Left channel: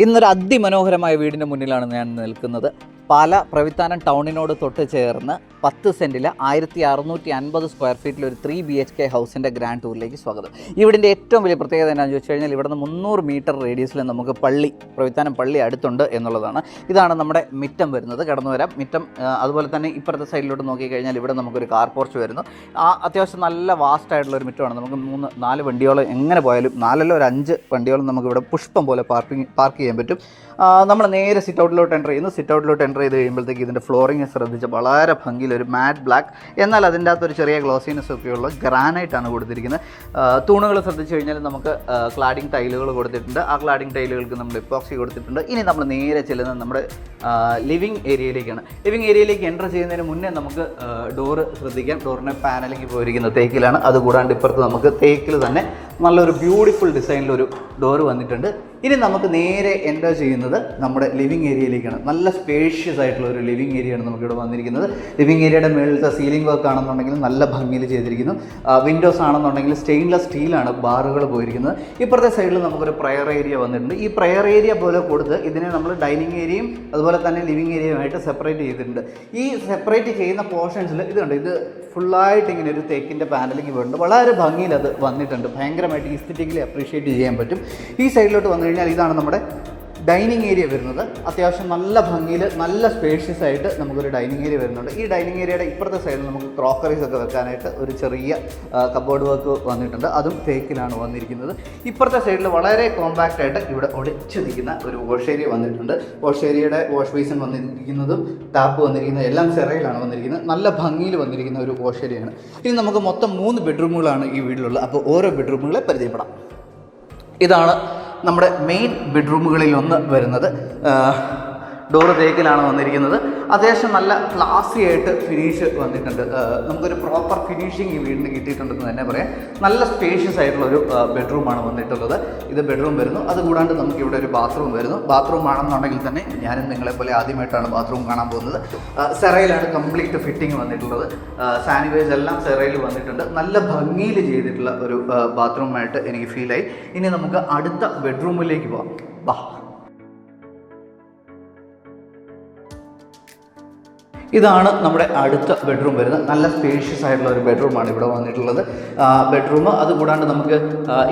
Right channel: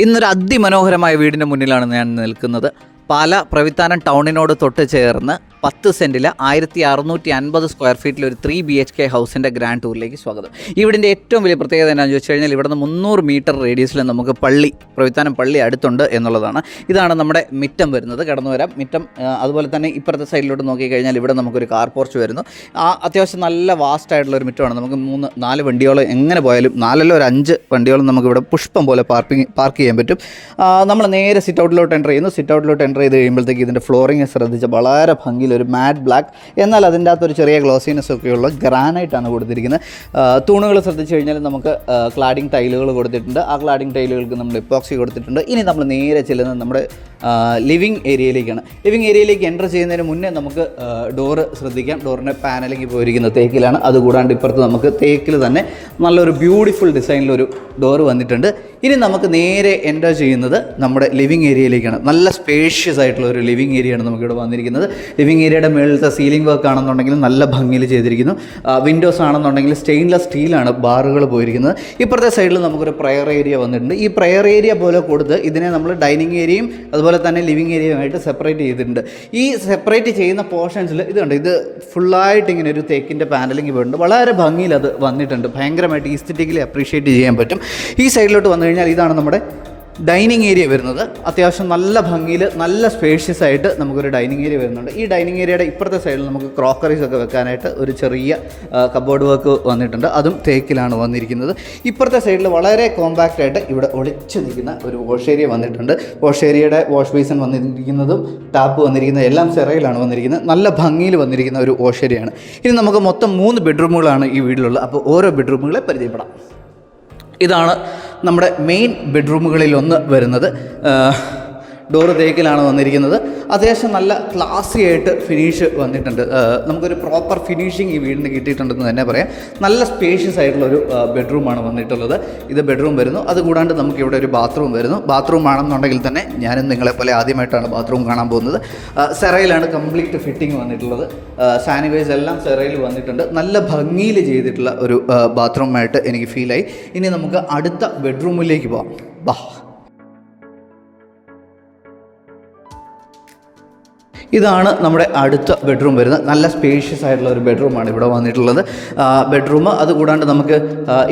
ഇന്നൊരു അതിമനോഹരമായ വീടിന്റെ മുന്നിലാണ് ഞാൻ നിൽക്കുന്നത്. പാല പ്രവിത്താനം ടൗണിനോട് തൊട്ട് ചേർന്ന് പത്ത് സെന്റിൽ ആയിരത്തി അറുന്നൂറ്റി അൻപത് സ്ക്വയർ ഫീറ്റിൽ ഒരു ത്രീ ബി എച്ച് കെ ഹൗസിന്റെ ഗ്രാൻഡ് ടൂറിലേക്ക് സ്വാഗതം. ഇവിടിന്റെ ഏറ്റവും വലിയ പ്രത്യേകത എന്താണെന്ന് ചോദിച്ചു കഴിഞ്ഞാൽ ഇവിടുന്ന് മുന്നൂറ് മീറ്റർ റേഡിയസിൽ നമുക്ക് പള്ളി പ്രവിത്താനം പള്ളി അടുത്തുണ്ട് എന്നുള്ളതാണ്. ഇതാണ് നമ്മുടെ മിറ്റം വരുന്നത്. കടന്നു വരാം. മിറ്റം അതുപോലെ തന്നെ ഇപ്പുറത്തെ സൈഡിലോട്ട് നോക്കിക്കഴിഞ്ഞാൽ ഇവിടെ നമുക്കൊരു കാർ പോർച്ച് വരുന്നു. ആ അത്യാവശ്യം നല്ല വാസ്റ്റ് ആയിട്ടുള്ള ഒരു മിറ്റമാണ്. നമുക്ക് മൂന്ന് നാല് വണ്ടിയോളം എങ്ങനെ പോയാലും നാലല്ലോ ഒരു അഞ്ച് വണ്ടിയോളം നമുക്കിവിടെ പുഷ്പം പോലെ പാർക്കിംഗ് പാർക്ക് ചെയ്യാൻ പറ്റും. നമ്മൾ നേരെ സിറ്റ് ഔട്ടിലോട്ട് എന്റർ ചെയ്യുന്നു. സിറ്റ് ഔട്ടിലോട്ട് എന്റർ ചെയ്ത് കഴിയുമ്പോഴത്തേക്ക് ഇതിന്റെ ഫ്ലോറിങ് ശ്രദ്ധിച്ച് വളരെ ഭംഗിയിൽ ഒരു മാറ്റ് ബ്ലാക്ക് എന്നാൽ അതിന്റെ അകത്ത് ഒരു ചെറിയ ഗ്ലോസിനെസ് ഒക്കെയുള്ള ഗ്രാനൈറ്റാണ് കൊടുത്തിരിക്കുന്നത്. തൂണുകൾ ശ്രദ്ധിച്ച് കഴിഞ്ഞാൽ നമുക്ക് ക്ലാഡിംഗ് ടൈലുകൾ കൊടുത്തിട്ടുണ്ട്. ആ ക്ലാഡിംഗ് ടൈലുകൾക്ക് നമ്മൾ ഇപ്പോക്സി കൊടുത്തിട്ടുണ്ട്. ഇനി നമ്മൾ നേരെ ചെല്ലുന്നത് നമ്മുടെ ലിവിങ് ഏരിയയിലേക്കാണ് ലിവിങ് ഏരിയയിലേക്ക് എന്റർ ചെയ്യുന്നതിന് മുന്നേ നമുക്ക് ഡോറ് ശ്രദ്ധിക്കാം. ഡോറിന്റെ പാനലിങ് പോയിരിക്കുന്ന തേക്കിലാണ്. അതുകൂടാണ്ട് ഇപ്പുറത്ത് നമുക്ക് തേക്കിൽ തന്നെ നല്ലൊരു ബ്യൂട്ടിഫുൾ ഡിസൈനിലൊരു ഡോറ് വന്നിട്ടുണ്ട്. ഇനി നമുക്ക് നേരെ എന്റർ ചെയ്യുന്നത് നമ്മുടെ ലിവിങ് ഏരിയയിലേക്കാണ് നല്ല സ്പേഷ്യസ് ആയിട്ടുള്ള ഒരു ലിവിങ് ഏരിയയാണ് നമുക്കിവിടെ വന്നിരിക്കുന്നത്. ലിവിങ് ഏരിയയുടെ മുകളിലത്തെ സീലിംഗ് വർക്ക് ആണെന്നുണ്ടെങ്കിൽ നല്ല ഭംഗിയിൽ ചെയ്തിരിക്കുന്നു. വിൻഡോസ് ആണെന്നുണ്ടെങ്കിൽ സ്റ്റെയിൻലെസ് സ്റ്റീലാണ് ബാറുകൾ പോയിരിക്കുന്നത്. ഇപ്പുറത്തെ സൈഡിൽ നമുക്കൊരു പ്രയർ ഏരിയ വന്നിട്ടുണ്ട്. ഈ പ്രയർ ഏരിയ പോലെ കൊടുത്ത് ഇതിനെ നമ്മൾ ഡൈനിങ് ഏരിയയും അതുപോലെ തന്നെ ലിവിങ് ഏരിയയുമായിട്ട് സെപ്പറേറ്റ് ചെയ്തിട്ടുണ്ട്. ഈ സെപ്പറേറ്റ് ചെയ്യുന്ന പോർഷൻസിൽ ഇതുണ്ട് ഇത് ഫുള്ളായിട്ട് ഇങ്ങനെ ഒരു തേക്കിന്റെ പാനലിംഗ് പോയിട്ടുണ്ട് വളരെ ഭംഗിയിൽ അത് വന്നിട്ടുണ്ട്. ഭയങ്കരമായിട്ട് ഈസ്തറ്റിക്കലി അപ്രീഷിയേറ്റ് ചെയ്യാൻ പറ്റും. ഈ സൈഡിലോട്ട് വന്നു കഴിഞ്ഞാൽ ഇതാണ് നമ്മുടെ ഡൈനിങ് ഏരിയ വരുന്നത്. അത്യാവശ്യം നല്ല ഭംഗിയിൽ നല്ല സ്പേഷ്യസ് ആയിട്ട് നമുക്കൊരു ഡൈനിങ് ഏരിയ വരുന്നുണ്ട്. ഈ ഡൈനിങ് ഏരിയയുടെ ഇപ്പുറത്തെ സൈഡിൽ നമുക്ക് ക്രോക്കറീസ് ഒക്കെ വെക്കാനായിട്ട് ഒരു ചെറിയ കബോർഡ് വർക്ക് വന്നിട്ടുണ്ട്. അതും തേക്കിലാണ് വന്നിരിക്കുന്നത്. ഇപ്പുറത്തെ സൈഡിൽ വളരെ കോമ്പാക്റ്റ് ആയിട്ട് ഇവിടെ ഒളിച്ചു നിൽക്കുന്ന ഒരു വാഷ് ഏരിയ വന്നിട്ടുണ്ട്. വാഷ് ഏരിയയുടെ വാഷ് ബേസിൻ വന്നിരിക്കുന്നതും ടാപ്പ് വന്നിരിക്കുന്ന എല്ലാം ചെറയിലാണ് വന്നിരിക്കുന്നത്. നല്ല ഭംഗിയിൽ വന്നിരിക്കുന്ന ഒരു വാഷ് ഏരിയയാണ് ഇനി നമുക്ക് മൊത്തം മൂന്ന് ബെഡ്റൂമുകളാണ് ഈ വീട്ടിലുള്ളത്. അപ്പോൾ ഓരോ ബെഡ്റൂമുകളെ പരിചയപ്പെടാം. ഇതാണ് നമ്മുടെ മെയിൻ ബെഡ്റൂമുകളിലൊന്ന് വരുന്നത് ഡോറ് തേക്കിലാണ് വന്നിരിക്കുന്നത്. അത്യാവശ്യം നല്ല ക്ലാസി ആയിട്ട് ഫിനിഷ് വന്നിട്ടുണ്ട്. നമുക്കൊരു പ്രോപ്പർ ഫിനിഷിങ് ഈ വീടിന് കിട്ടിയിട്ടുണ്ടെന്ന് തന്നെ പറയാം. നല്ല സ്പേഷ്യസ് ആയിട്ടുള്ള ഒരു ബെഡ്റൂമാണ് വന്നിട്ടുള്ളത്. ഇത് ബെഡ്റൂം വരുന്നു. അതുകൂടാണ്ട് നമുക്ക് ഇവിടെ ഒരു ബാത്റൂം വരുന്നു. ബാത്റൂം ആണെന്നുണ്ടെങ്കിൽ തന്നെ ഞാനും നിങ്ങളെപ്പോലെ ആദ്യമായിട്ടാണ് ബാത്റൂം കാണാൻ പോകുന്നത്. സെറയിലാണ് കംപ്ലീറ്റ് ഫിറ്റിംഗ് വന്നിട്ടുള്ളത്. സാനിറ്റൈസ് എല്ലാം സെറയിൽ വന്നിട്ടുണ്ട്. നല്ല ഭംഗിയിൽ ചെയ്തിട്ടുള്ള ഒരു ബാത്റൂമായിട്ട് എനിക്ക് ഫീലായി ഇനി നമുക്ക് അടുത്ത ബെഡ്റൂമിലേക്ക് പോകാം ബാ. ഇതാണ് നമ്മുടെ അടുത്ത ബെഡ്റൂം വരുന്നത്. നല്ല സ്പേഷ്യസ് ആയിട്ടുള്ള ഒരു ബെഡ്റൂമാണ് ഇവിടെ വന്നിട്ടുള്ളത്. ബെഡ്റൂം അതുകൂടാണ്ട് നമുക്ക്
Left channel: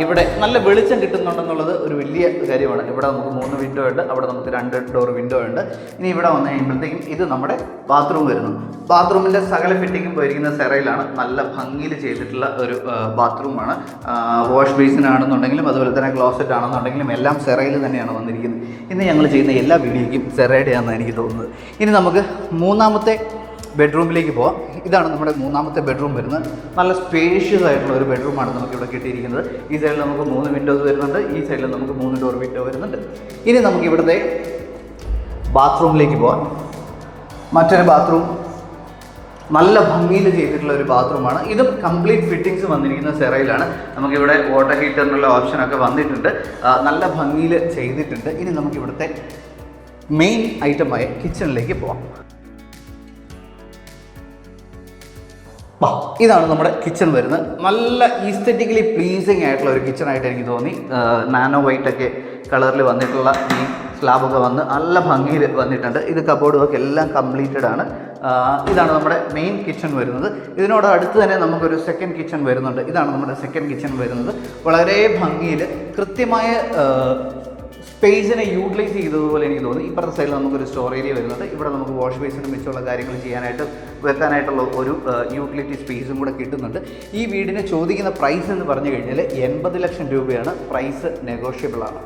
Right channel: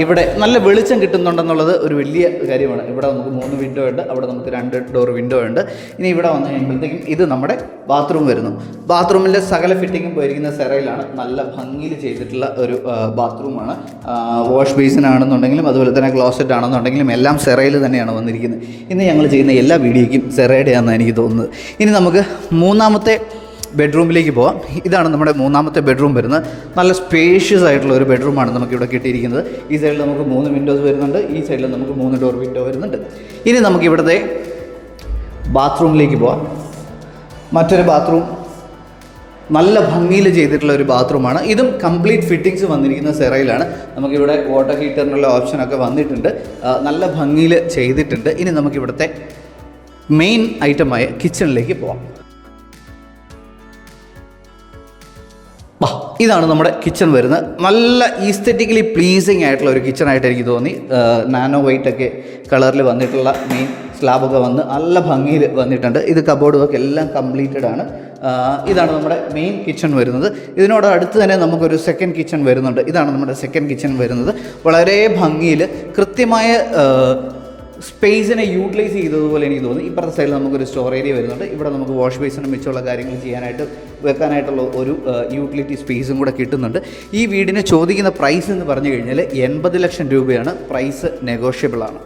ഇവിടെ നല്ല വെളിച്ചം കിട്ടുന്നുണ്ടെന്നുള്ളത് ഒരു വലിയ കാര്യമാണ്. ഇവിടെ നമുക്ക് മൂന്ന് വിൻഡോ ഉണ്ട്. അവിടെ നമുക്ക് രണ്ട് ഡോർ വിൻഡോ ഉണ്ട്. ഇനി ഇവിടെ വന്നു കഴിയുമ്പോഴത്തേക്കും ഇത് നമ്മുടെ ബാത്റൂം വരുന്നു. ബാത്റൂമിന്റെ സകല ഫിറ്റിങ്ങും പോയിരിക്കുന്ന സെറയിലാണ് നല്ല ഭംഗിയിൽ ചെയ്തിട്ടുള്ള ഒരു ബാത്റൂമാണ് വാഷ് ബേസിൻ ആണെന്നുണ്ടെങ്കിലും അതുപോലെ തന്നെ ക്ലോസറ്റ് ആണെന്നുണ്ടെങ്കിലും എല്ലാം സെറയിൽ തന്നെയാണ് വന്നിരിക്കുന്നത്. ഇന്ന് ഞങ്ങൾ ചെയ്യുന്ന എല്ലാ വീഡിയോയ്ക്കും സെറയുടെയാണെന്നാണ് എനിക്ക് തോന്നുന്നത്. ഇനി നമുക്ക് മൂന്നാമത്തെ ബെഡ്റൂമിലേക്ക് പോവാം. ഇതാണ് നമ്മുടെ മൂന്നാമത്തെ ബെഡ്റൂം വരുന്നത്. നല്ല സ്പേഷ്യസ് ആയിട്ടുള്ള ഒരു ബെഡ്റൂമാണ് നമുക്ക് ഇവിടെ കിട്ടിയിരിക്കുന്നത്. ഈ സൈഡിൽ നമുക്ക് മൂന്ന് വിൻഡോസ് വരുന്നുണ്ട്. ഈ സൈഡിൽ നമുക്ക് മൂന്ന് ഡോർ വിൻഡോ വരുന്നുണ്ട്. ഇനി നമുക്ക് ഇവിടുത്തെ ബാത്റൂമിലേക്ക് പോവാം. മറ്റൊരു ബാത്റൂം നല്ല ഭംഗിയിൽ ചെയ്തിട്ടുള്ള ഒരു ബാത്റൂമാണ് ഇതും കംപ്ലീറ്റ് ഫിറ്റിങ്സ് വന്നിരിക്കുന്ന സെറയിലാണ്. നമുക്കിവിടെ വാട്ടർ ഹീറ്ററിനുള്ള ഓപ്ഷനൊക്കെ വന്നിട്ടുണ്ട്. നല്ല ഭംഗിയിൽ ചെയ്തിട്ടുണ്ട്. ഇനി നമുക്കിവിടുത്തെ മെയിൻ ഐറ്റമായ കിച്ചണിലേക്ക് പോവാം. ഇതാണ് നമ്മുടെ കിച്ചൺ വരുന്നത്. നല്ല ഈസ്തറ്റിക്കലി പ്ലീസിങ് ആയിട്ടുള്ള ഒരു കിച്ചൺ ആയിട്ട് എനിക്ക് തോന്നി. നാനോ വൈറ്റ് ഒക്കെ കളറിൽ വന്നിട്ടുള്ള മെയിൻ സ്ലാബൊക്കെ വന്ന് നല്ല ഭംഗിയിൽ വന്നിട്ടുണ്ട്. ഇത് കബോർഡും ഒക്കെ എല്ലാം കംപ്ലീറ്റഡ് ആണ്. ഇതാണ് നമ്മുടെ മെയിൻ കിച്ചൺ വരുന്നത്. ഇതിനോട് അടുത്ത് തന്നെ നമുക്കൊരു സെക്കൻഡ് കിച്ചൺ വരുന്നുണ്ട്. ഇതാണ് നമ്മുടെ സെക്കൻഡ് കിച്ചൺ വരുന്നത്. വളരെ ഭംഗിയിൽ കൃത്യമായ സ്പേസിനെ യൂട്ടിലൈസ് ചെയ്തതുപോലെ എനിക്ക് തോന്നുന്നു ഇപ്പുറത്തെ സൈഡിൽ നമുക്കൊരു സ്റ്റോർ ഏരിയ വരുന്നുണ്ട്. ഇവിടെ നമുക്ക് വാഷ് ബേസിനും മിച്ചമുള്ള കാര്യങ്ങൾ ചെയ്യാനായിട്ട് വെക്കാനായിട്ടുള്ള ഒരു യൂട്ടിലിറ്റി സ്പേസും കൂടെ കിട്ടുന്നുണ്ട്. ഈ വീടിന് ചോദിക്കുന്ന പ്രൈസ് എന്ന് പറഞ്ഞു കഴിഞ്ഞാൽ എൺപത് ലക്ഷം രൂപയാണ്. പ്രൈസ് നെഗോഷ്യബിൾ ആണ്.